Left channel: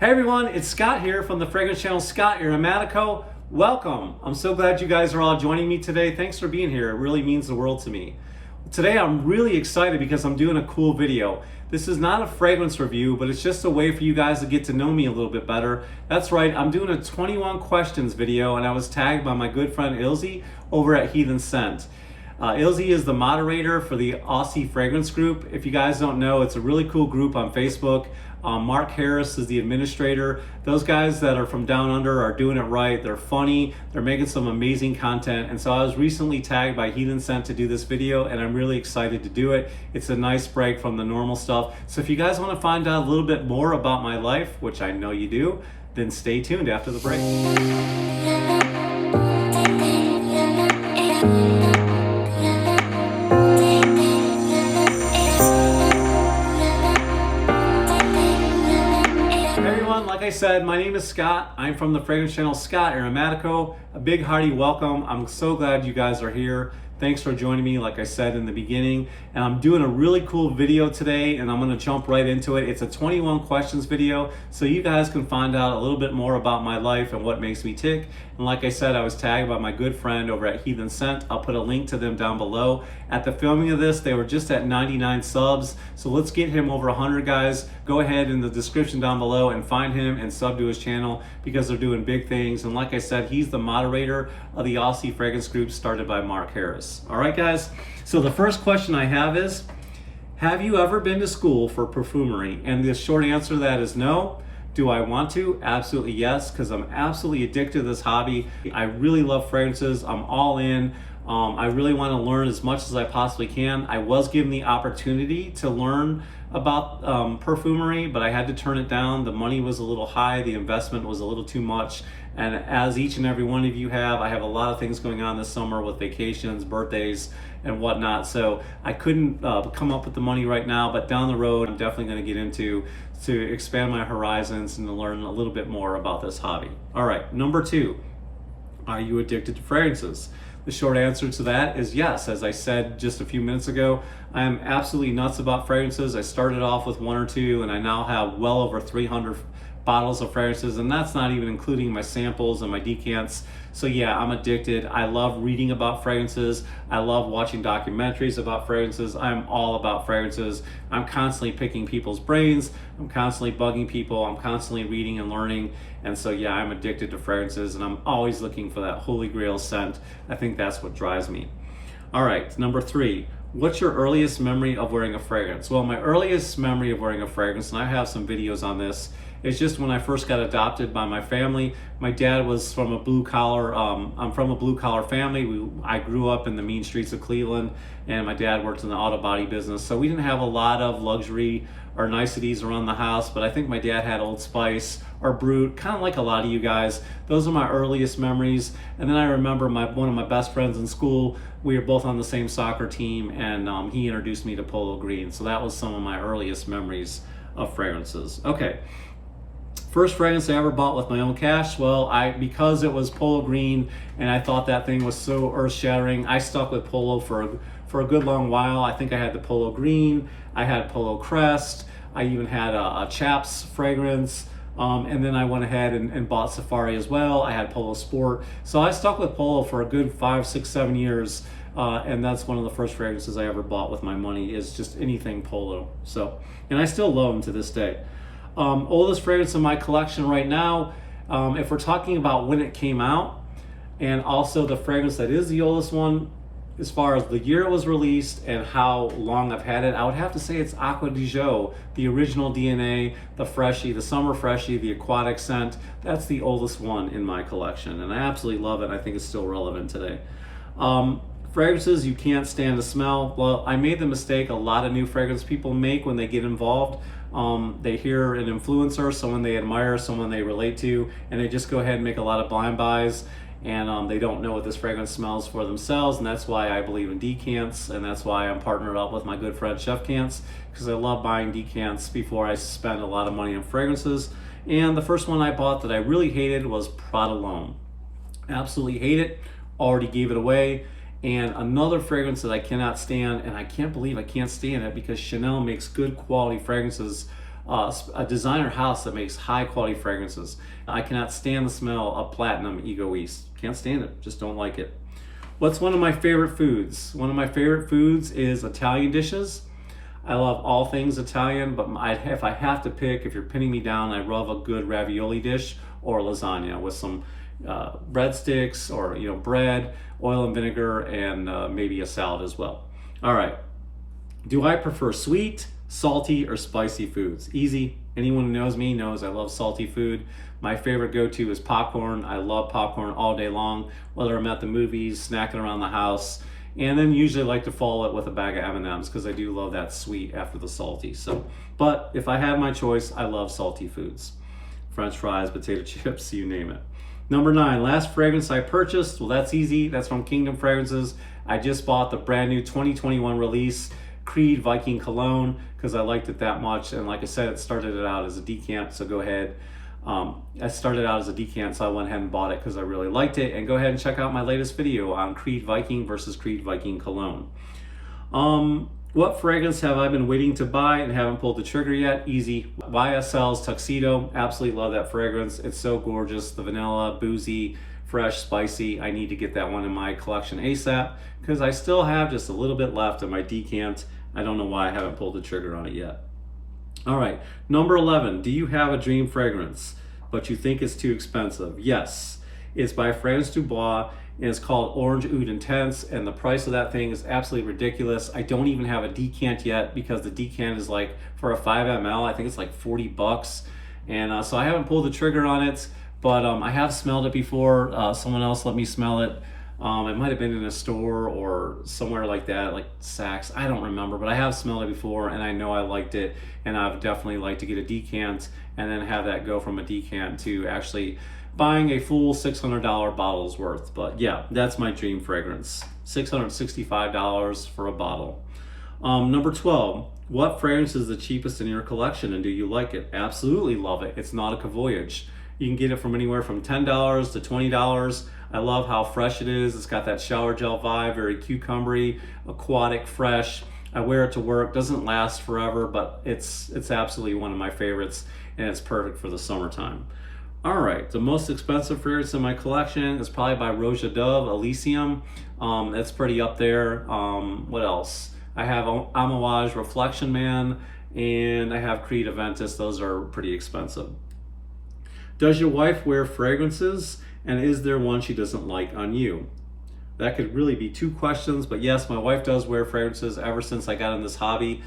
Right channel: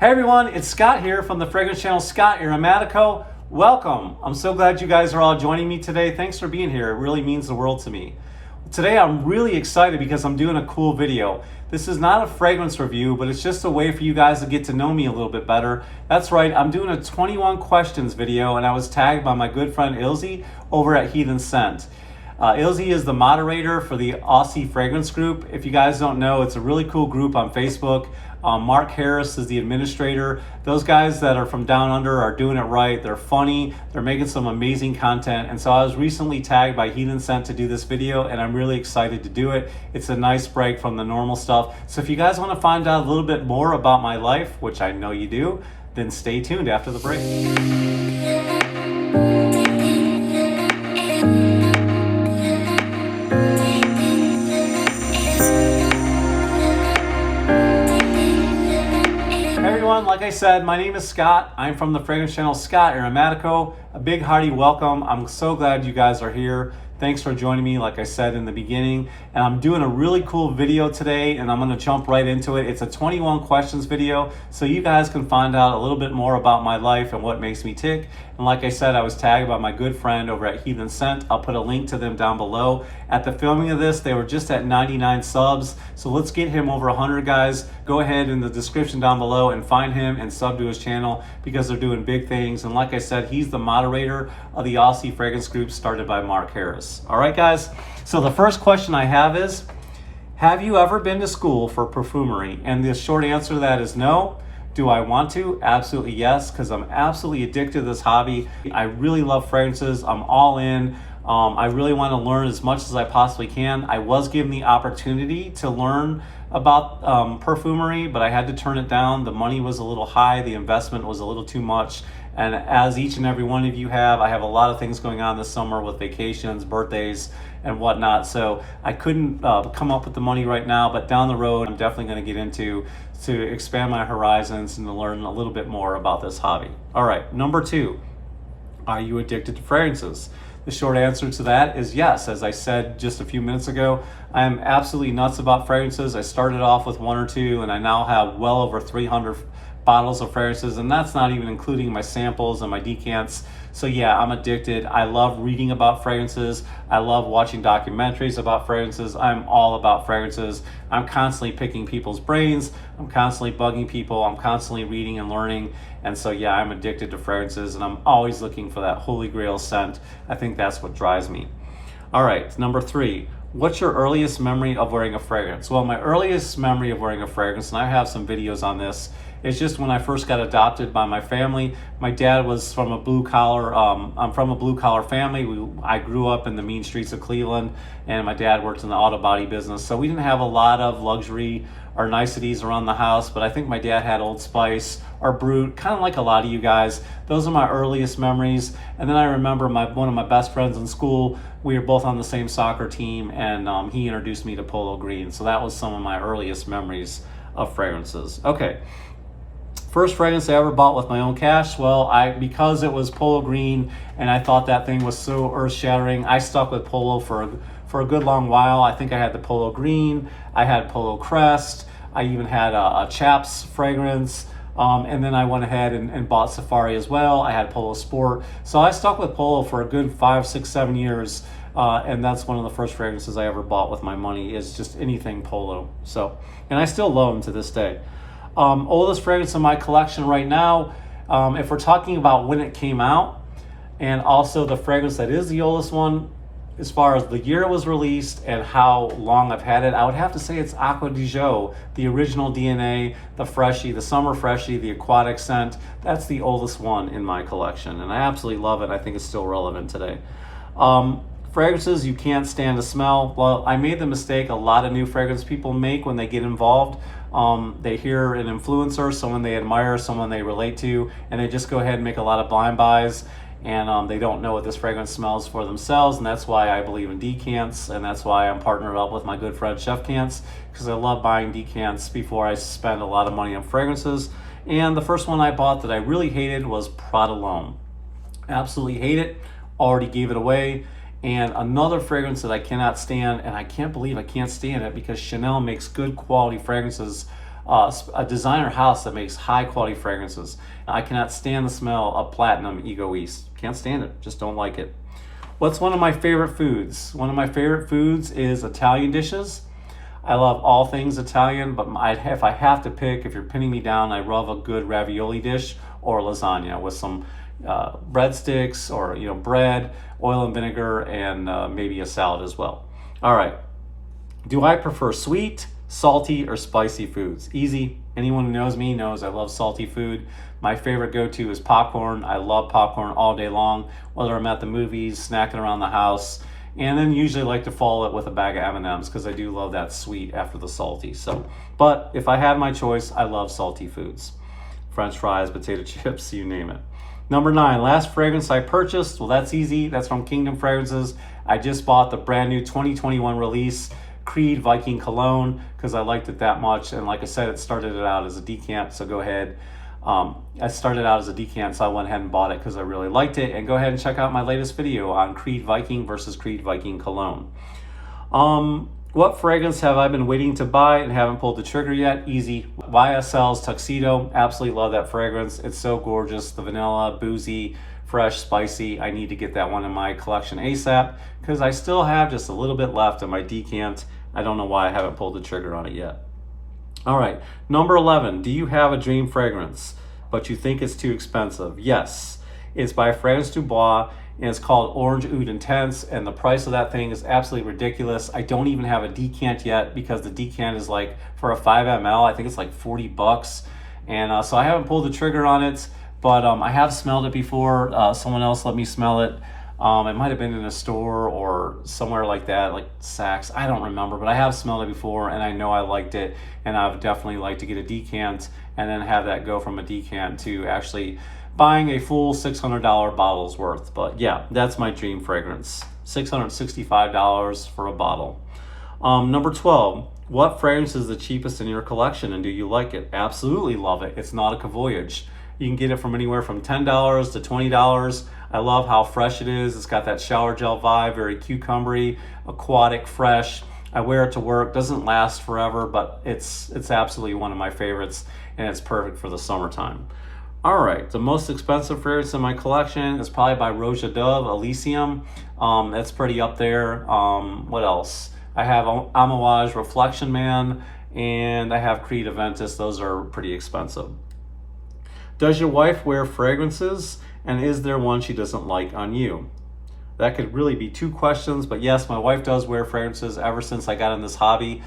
Hey everyone, it's Scott here from the fragrance channel Scott Aromatico. Welcome. I'm so glad you guys are all joining me today. Thanks for being here. It really means the world to me. Today I'm really excited because I'm doing a cool video. This is not a fragrance review, but it's just a way for you guys to get to know me a little bit better. That's right, I'm doing a 21 questions video and I was tagged by my good friend Ilzy over at Heathenscent. Ilzy is the moderator for the Aussie fragrance group. If you guys don't know, it's a really cool group on Facebook. Mark Harris is the administrator. Those guys that are from down under are doing it right. They're funny. They're making some amazing content. And so I was recently tagged by Heathenscent to do this video and I'm really excited to do it. It's a nice break from the normal stuff. So if you guys want to find out a little bit more about my life, which I know you do, then stay tuned after the break. Like I said, my name is Scott. I'm from the fragrance channel Scott Aromatico. A big hearty welcome. I'm so glad you guys are here. Thanks for joining me, like I said in the beginning. And I'm doing a really cool video today and I'm gonna jump right into it. It's a 21 questions video, so you guys can find out a little bit more about my life and what makes me tick. And like I said, I was tagged by my good friend over at Heathenscent. I'll put a link to them down below. At the filming of this, they were just at 99 subs. So let's get him over 100, guys. Go ahead in the description down below and find him and sub to his channel because they're doing big things. And like I said, he's the moderator of the Aussie fragrance group started by Mark Harris. All right, guys. So the first question I have is, have you ever been to school for perfumery? And the short answer to that is no. Do I want to? Absolutely yes, because I'm absolutely addicted to this hobby. I really love fragrances. I'm all in. I really want to learn as much as I possibly can. I was given the opportunity to learn about perfumery, but I had to turn it down. The money was a little high. The investment was a little too much. And as each and every one of you have, I have a lot of things going on this summer with vacations, birthdays, and whatnot. So I couldn't come up with the money right now, but down the road, I'm definitely going to get into to expand my horizons and to learn a little bit more about this hobby. All right, number 2, are you addicted to fragrances? The short answer to that is yes. As I said just a few minutes ago, I am absolutely nuts about fragrances. I started off with 1 or 2 and I now have well over 300 bottles of fragrances, and that's not even including my samples and my decants. So yeah, I'm addicted. I love reading about fragrances. I love watching documentaries about fragrances. I'm all about fragrances. I'm constantly picking people's brains. I'm constantly bugging people. I'm constantly reading and learning. And so yeah, I'm addicted to fragrances and I'm always looking for that holy grail scent. I think that's what drives me. All right, number 3. What's your earliest memory of wearing a fragrance? Well, my earliest memory of wearing a fragrance, and I have some videos on this, it's just when I first got adopted by my family. My dad was from a blue collar, I'm from a blue collar family. I grew up in the mean streets of Cleveland and my dad worked in the auto body business. So we didn't have a lot of luxury or niceties around the house, but I think my dad had Old Spice or Brut, kind of like a lot of you guys. Those are my earliest memories. And then I remember one of my best friends in school, we were both on the same soccer team and he introduced me to Polo Green. So that was some of my earliest memories of fragrances. Okay. First fragrance I ever bought with my own cash, well, because it was Polo Green and I thought that thing was so earth-shattering, I stuck with Polo for a good long while. I think I had the Polo Green, I had Polo Crest, I even had a Chaps fragrance, and then I went ahead and bought Safari as well. I had Polo Sport. So I stuck with Polo for a good 5, 6, 7 years, and that's one of the first fragrances I ever bought with my money, is just anything Polo. So, and I still love them to this day. Oldest fragrance in my collection right now, if we're talking about when it came out, and also the fragrance that is the oldest one, as far as the year it was released and how long I've had it, I would have to say it's Acqua di Gio, the original DNA, the Freshie, the Summer Freshie, the aquatic scent. That's the oldest one in my collection, and I absolutely love it. I think it's still relevant today. Fragrances you can't stand to smell. Well, I made the mistake a lot of new fragrance people make when they get involved. They hear an influencer, someone they admire, someone they relate to, and they just go ahead and make a lot of blind buys, and they don't know what this fragrance smells for themselves. And that's why I believe in decants, and that's why I'm partnered up with my good friend Chef Cants, because I love buying decants before I spend a lot of money on fragrances. And the first one I bought that I really hated was Prada L'Homme. Absolutely hate it. Already gave it away. And another fragrance that I cannot stand, and I can't believe I can't stand it because Chanel makes good quality fragrances a designer house that makes high quality fragrances. I cannot stand the smell of platinum egoist. Can't stand it, just don't like it. What's one of my favorite foods? One of my favorite foods is Italian dishes. I love all things Italian, but if I have to pick, if you're pinning me down, I love a good ravioli dish or lasagna with some breadsticks or bread, oil and vinegar, and maybe a salad as well. All right. Do I prefer sweet, salty, or spicy foods? Easy. Anyone who knows me knows I love salty food. My favorite go-to is popcorn. I love popcorn all day long, whether I'm at the movies, snacking around the house, and then usually like to follow it with a bag of M&Ms because I do love that sweet after the salty. But if I had my choice, I love salty foods. French fries, potato chips, you name it. Number 9, last fragrance I purchased. Well, that's easy. That's from Kingdom Fragrances. I just bought the brand new 2021 release Creed Viking Cologne because I liked it that much. And like I said, it started it out as a decant, so go ahead. I started out as a decant, so I went ahead and bought it because I really liked it. And go ahead and check out my latest video on Creed Viking versus Creed Viking Cologne. What fragrance have I been waiting to buy and haven't pulled the trigger yet? Easy. YSL's Tuxedo. Absolutely love that fragrance. It's so gorgeous. The vanilla, boozy, fresh, spicy. I need to get that one in my collection ASAP because I still have just a little bit left in my decant. I don't know why I haven't pulled the trigger on it yet. All right, number 11. Do you have a dream fragrance, but you think it's too expensive? Yes. It's by Fragrance Du Bois, and it's called Orange Oud Intense, and the price of that thing is absolutely ridiculous. I don't even have a decant yet because the decant is like, for a 5 ml, I think it's like $40. And so I haven't pulled the trigger on it, but I have smelled it before. Someone else let me smell it. It might have been in a store or somewhere like that, like Saks. I don't remember, but I have smelled it before, and I know I liked it, and I've definitely liked to get a decant and then have that go from a decant to actually buying a full $600 bottle's worth. But yeah, that's my dream fragrance. $665 for a bottle. Number 12, what fragrance is the cheapest in your collection, and do you like it? Absolutely love it. It's Nautica Voyage. You can get it from anywhere from $10 to $20. I love how fresh it is. It's got that shower gel vibe, very cucumbery, aquatic, fresh. I wear it to work. Doesn't last forever, but it's absolutely one of my favorites, and it's perfect for the summertime. All right, the most expensive fragrance in my collection is probably by Roja Dove, Elysium. That's pretty up there. What else? I have Amouage Reflection Man, and I have Creed Aventus. Those are pretty expensive. Does your wife wear fragrances, and is there one she doesn't like on you? That could really be 2 questions, but yes, my wife does wear fragrances ever since I got in this hobby.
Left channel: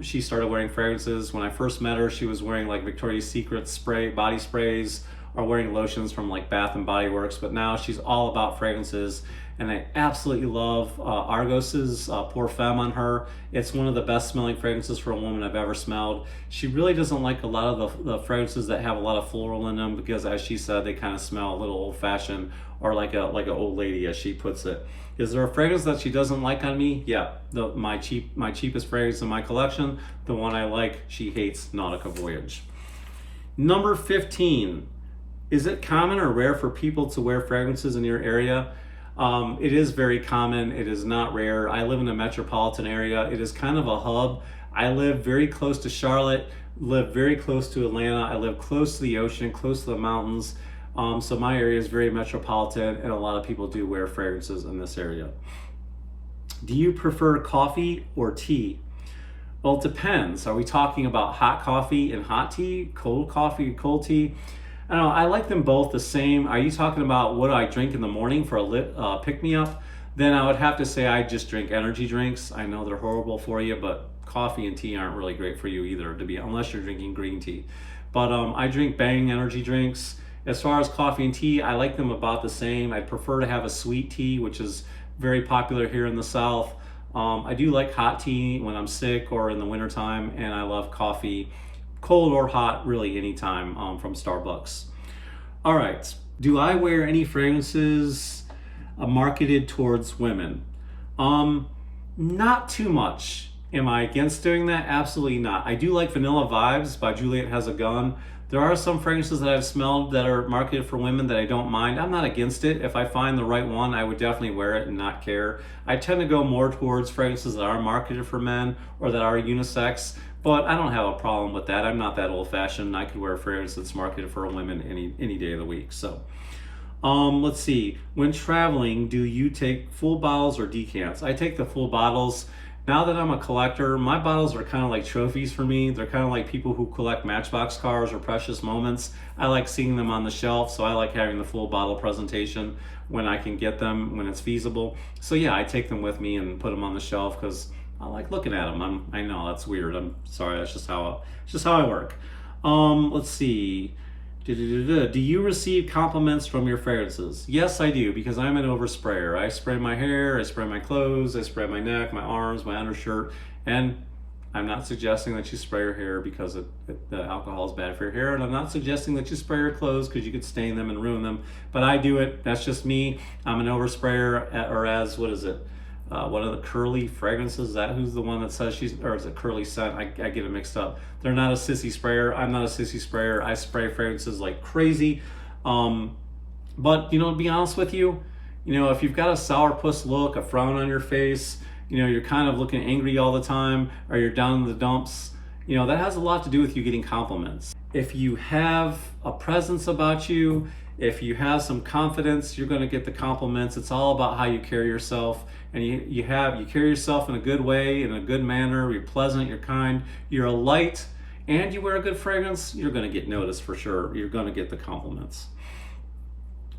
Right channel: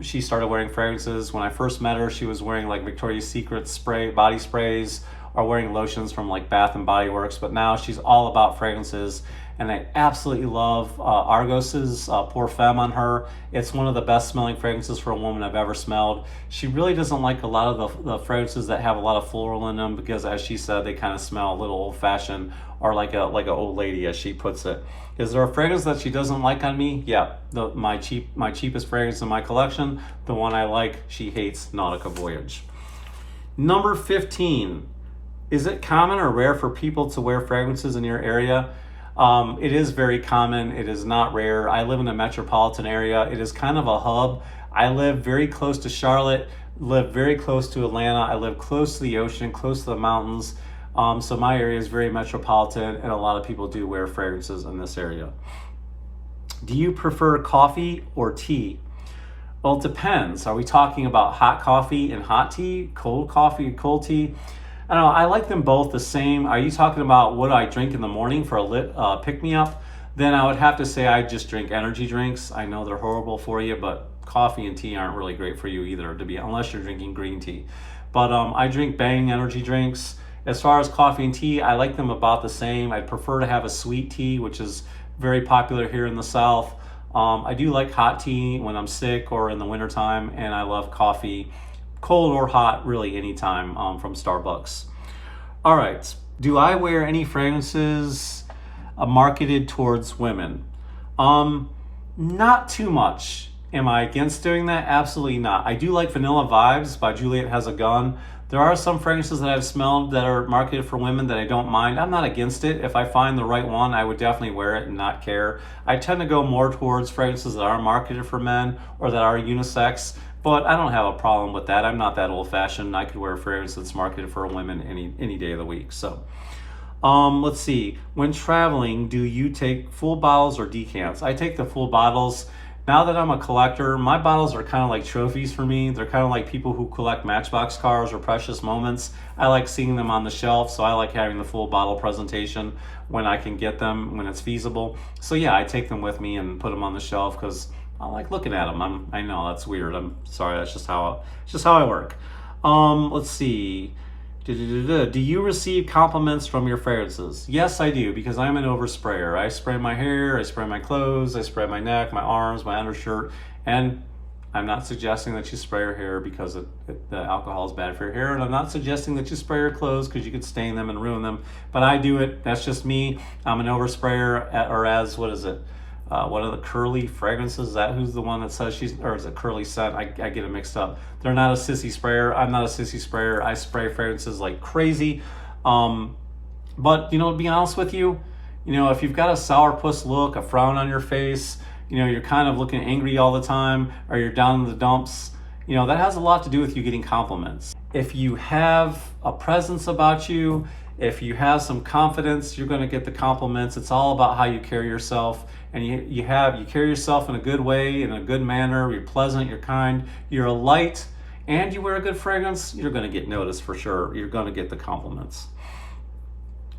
She started wearing fragrances. When I first met her, she was wearing like Victoria's Secret body sprays, or wearing lotions from like Bath and Body Works, but now she's all about fragrances. And I absolutely love Argos's Pour Femme on her. It's one of the best smelling fragrances for a woman I've ever smelled. She really doesn't like a lot of the fragrances that have a lot of floral in them because, as she said, they kind of smell a little old-fashioned or like an old lady, as she puts it. Is there a fragrance that she doesn't like on me? Yeah, my cheapest fragrance in my collection, the one I like, she hates, Nautica Voyage. Number 15. Is it common or rare for people to wear fragrances in your area? It is very common. It is not rare. I live in a metropolitan area. It is kind of a hub. I live very close to Charlotte, live very close to Atlanta. I live close to the ocean, close to the mountains. So my area is very metropolitan, and a lot of people do wear fragrances in this area. Do you prefer coffee or tea? Well, it depends. Are we talking about hot coffee and hot tea, cold coffee and cold tea? I don't know, I like them both the same. Are you talking about what I drink in the morning for a pick-me-up? Then I would have to say I just drink energy drinks. I know they're horrible for you, but coffee and tea aren't really great for you either, unless you're drinking green tea. But I drink Bang energy drinks. As far as coffee and tea, I like them about the same. I'd prefer to have a sweet tea, which is very popular here in the South. I do like hot tea when I'm sick or in the wintertime, and I love coffee, cold or hot, really anytime from Starbucks. All right, do I wear any fragrances marketed towards women? Not too much. Am I against doing that? Absolutely not. I do like Vanilla Vibes by Juliet Has a Gun. There are some fragrances that I've smelled that are marketed for women that I don't mind. I'm not against it. If I find the right one, I would definitely wear it and not care. I tend to go more towards fragrances that are marketed for men or that are unisex, But I don't have a problem with that. I'm not that old-fashioned. I could wear a fragrance that's marketed for women any day of the week. So, let's see. When traveling, do you take full bottles or decants? I take the full bottles. Now that I'm a collector, my bottles are kind of like trophies for me. They're kind of like people who collect Matchbox cars or precious moments. I like seeing them on the shelf, so I like having the full bottle presentation when I can get them, when it's feasible. So yeah, I take them with me and put them on the shelf because I like looking at them. I know that's weird. I'm sorry. That's just how I work. Let's see. Do you receive compliments from your fragrances? Yes, I do, because I'm an oversprayer. I spray my hair, I spray my clothes, I spray my neck, my arms, my undershirt, and I'm not suggesting that you spray your hair because the alcohol is bad for your hair, and I'm not suggesting that you spray your clothes because you could stain them and ruin them, but I do it. That's just me. I'm an oversprayer, or as, what is it? One of the curly fragrances, is that who's the one that says she's, or is it curly scent? I get it mixed up. They're not a sissy sprayer. I'm not a sissy sprayer. I spray fragrances like crazy. But, to be honest with you, if you've got a sourpuss look, a frown on your face, you're kind of looking angry all the time, or you're down in the dumps, that has a lot to do with you getting compliments. If you have a presence about you, if you have some confidence, you're going to get the compliments. It's all about how you carry yourself. And you carry yourself in a good way, in a good manner. You're pleasant, you're kind, you're a light, and you wear a good fragrance, you're going to get noticed for sure. You're going to get the compliments.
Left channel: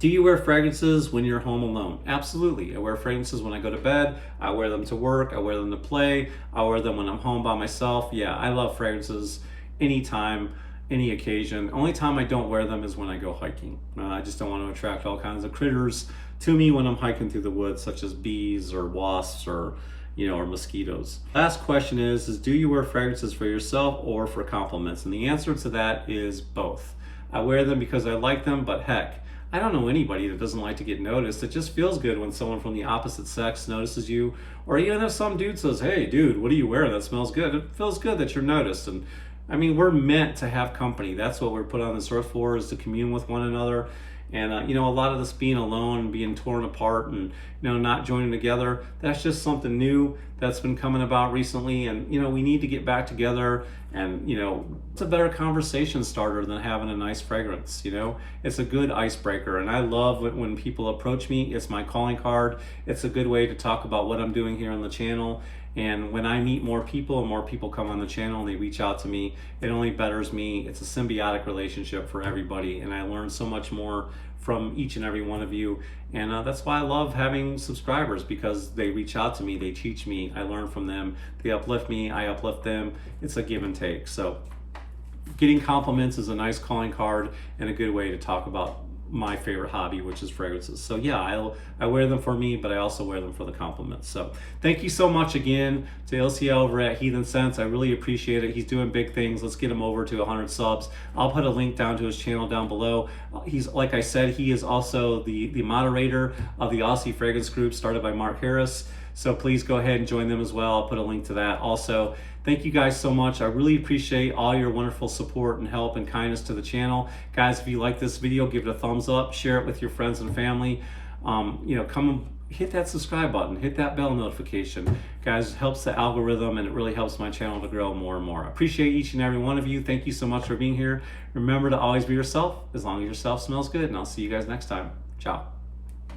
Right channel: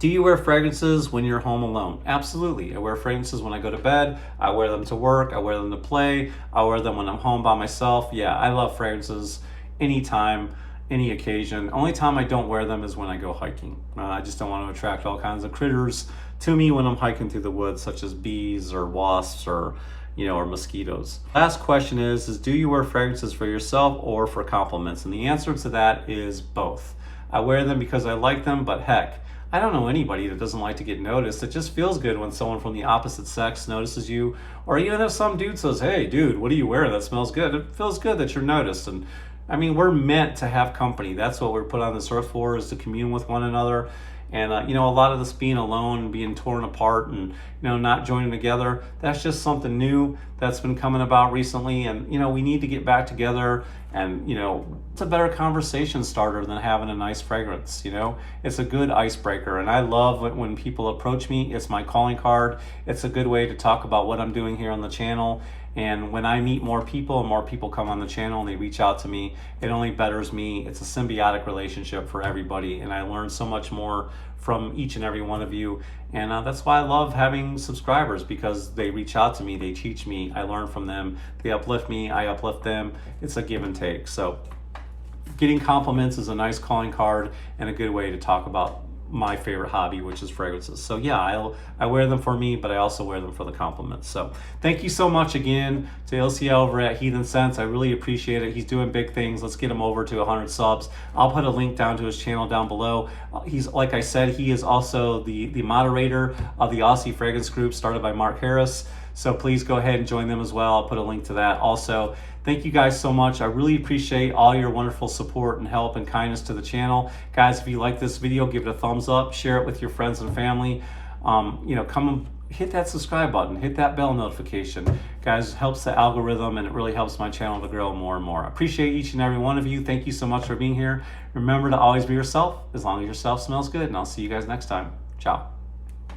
Do you wear fragrances when you're home alone? Absolutely. I wear fragrances when I go to bed. I wear them to work. I wear them to play. I wear them when I'm home by myself. Yeah, I love fragrances anytime, any occasion. Only time I don't wear them is when I go hiking. I just don't want to attract all kinds of critters to me when I'm hiking through the woods, such as bees or wasps or mosquitoes. Last question is do you wear fragrances for yourself or for compliments? And the answer to that is both. I wear them because I like them, but heck, I don't know anybody that doesn't like to get noticed. It just feels good when someone from the opposite sex notices you, or even if some dude says, hey dude, what are you wearing? That smells good. It feels good that you're noticed. And I mean, we're meant to have company. That's what we're put on this earth for, is to commune with one another. And, a lot of this being alone, being torn apart and, not joining together, that's just something new that's been coming about recently. And, we need to get back together and, it's a better conversation starter than having a nice fragrance, It's a good icebreaker. And I love when people approach me. It's my calling card. It's a good way to talk about what I'm doing here on the channel. And when I meet more people and more people come on the channel and they reach out to me, it only betters me. It's a symbiotic relationship for everybody. And I learn so much more from each and every one of you. And that's why I love having subscribers, because they reach out to me, they teach me, I learn from them, they uplift me, I uplift them. It's a give and take. So getting compliments is a nice calling card and a good way to talk about my favorite hobby, which is fragrances. So yeah, I wear them for me, but I also wear them for the compliments. So thank you so much again to LCL over at Heathenscent. I really appreciate it. He's doing big things. Let's get him over to 100 subs. I'll put a link down to his channel down below. He's, like I said, he is also the moderator of the Aussie fragrance group started by Mark Harris. So please go ahead and join them as well. I'll put a link to that also. Thank you guys so much. I really appreciate all your wonderful support and help and kindness to the channel. Guys, if you like this video, give it a thumbs up, share it with your friends and family. Come and hit that subscribe button, hit that bell notification. Guys, it helps the algorithm and it really helps my channel to grow more and more. I appreciate each and every one of you. Thank you so much for being here. Remember to always be yourself, as long as yourself smells good, and I'll see you guys next time. Ciao.